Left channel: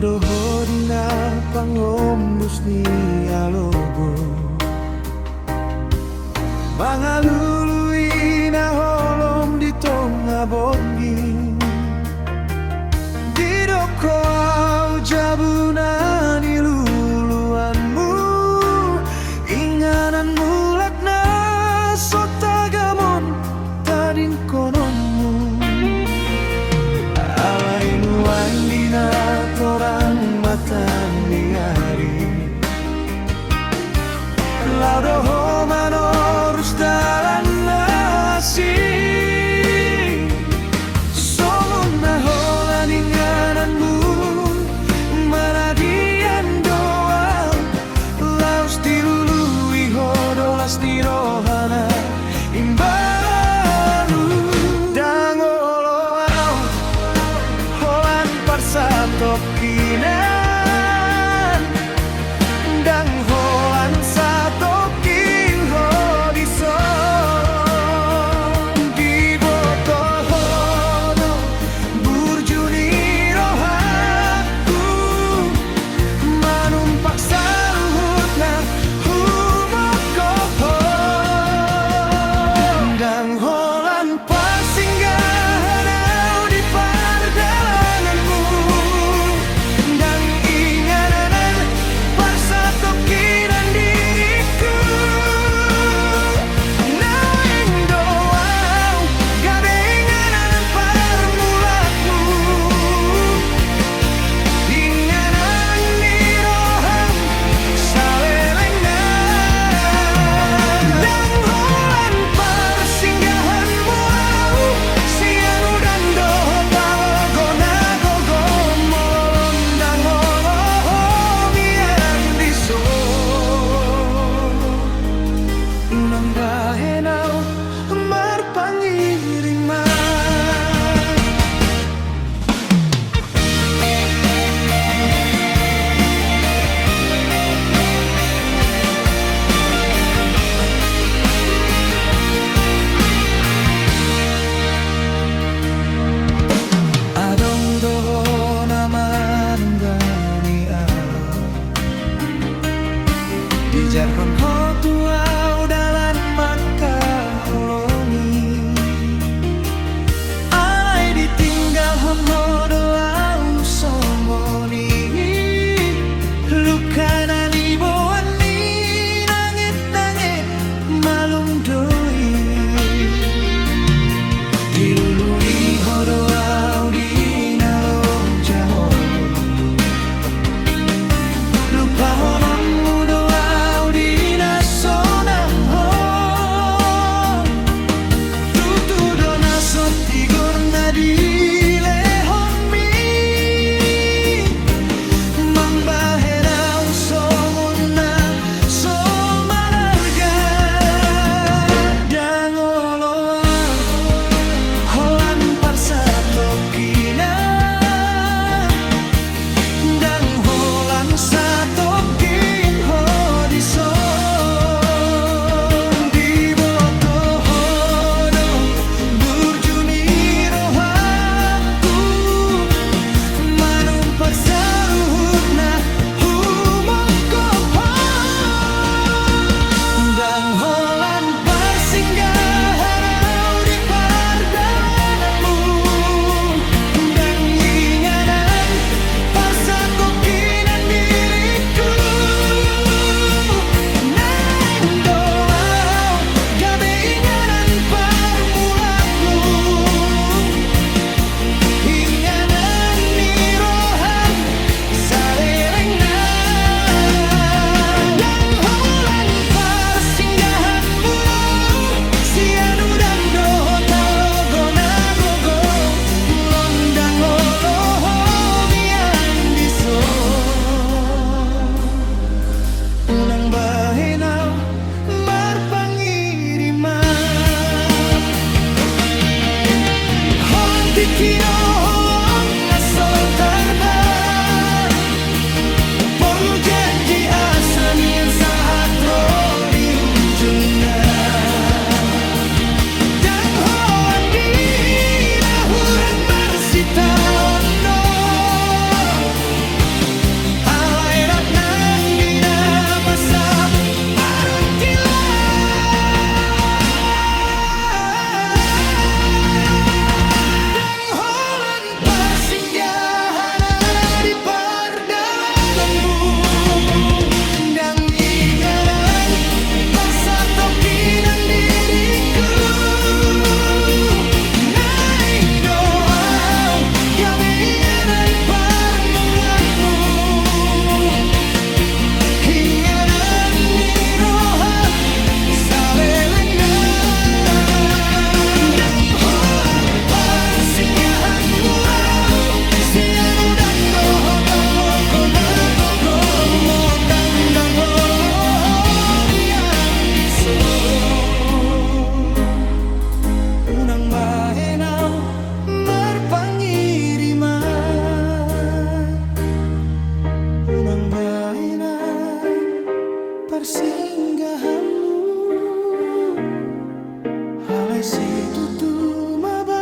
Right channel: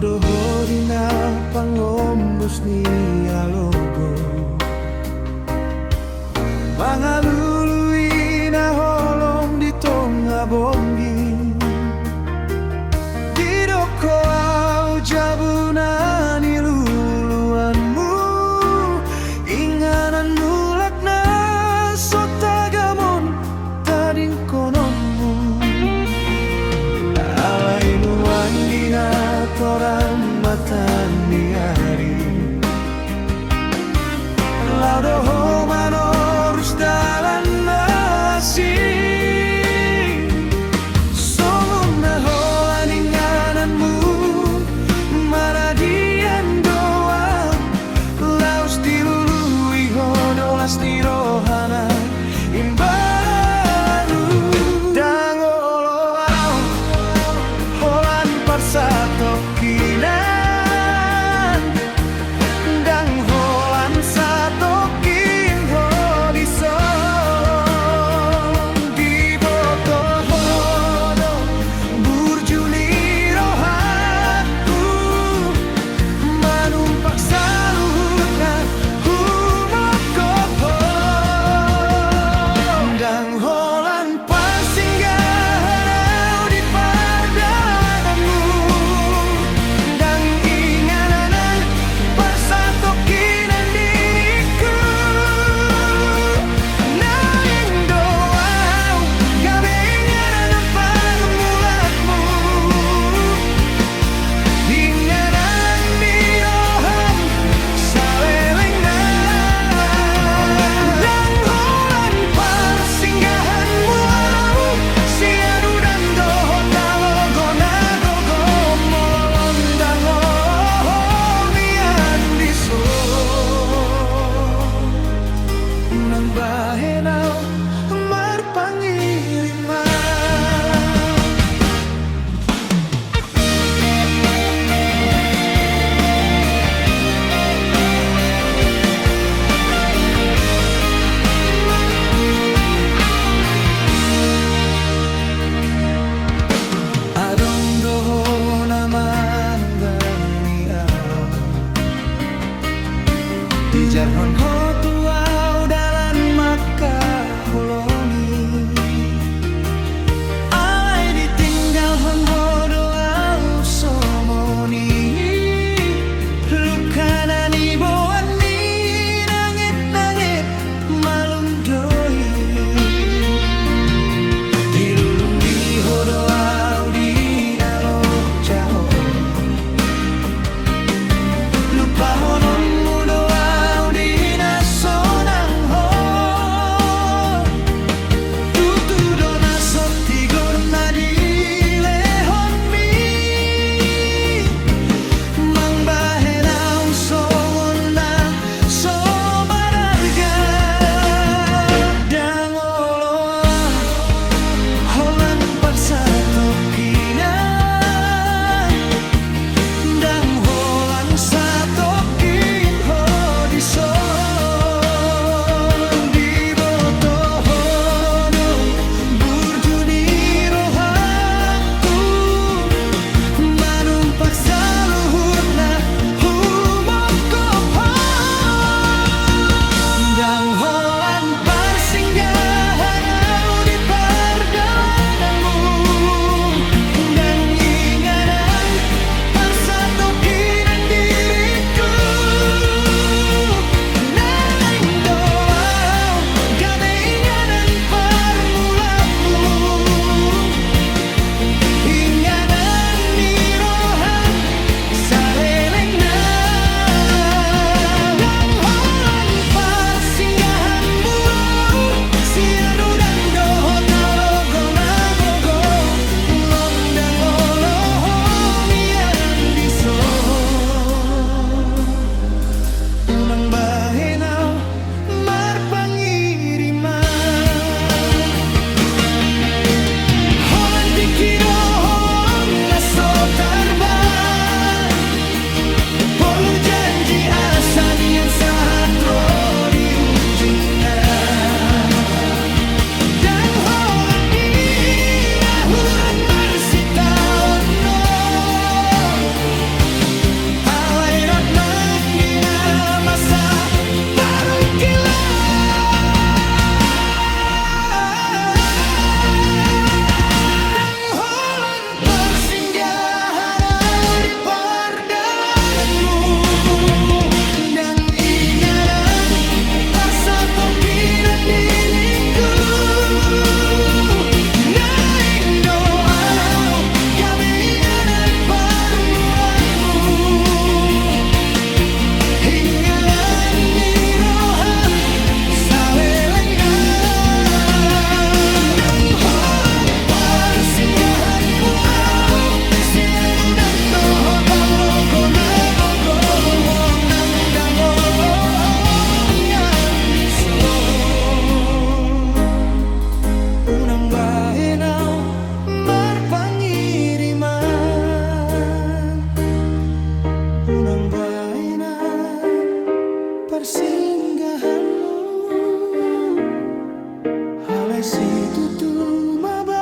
Hodo dina pangombus ni alogo mangalului na holom di tonga bongi di doko au jabunan iluluanmu inganan mulak na sotagamon tading kononmu alai nuang dina torang matan ni hari laudo manorus dalan nasi solon na holan ingananmu maradian doa laus dilului hodolas di rohana imbaru dangolo au holan parsato kinan dang holan sato kin hodiso di boto hodo burjuni rohaku manumpak saluhutna humokopo dang holan pasinggahan au di pardalanganmu dang ingananan parsatokinan diriku naing doau gabe ingananan parmulatmu inganan di roham salelengna dang holan parsinggahanmu au sianu dan doho talogo nagogo mololon dang olomian diso unang bahenau marpangiriman adong doho naman gani di jarhon hotu au dalan maka holongi alai ditinggal hon hodo au somoni lukanani boani nangit malum doi dilului hodo au dinalo jaho lupa honon mudo au dina sonang ho tutu dona sotigor nadile hon bahenaw marpangiriman. Unang bahenaw persinggahanmu, halay si tutu maba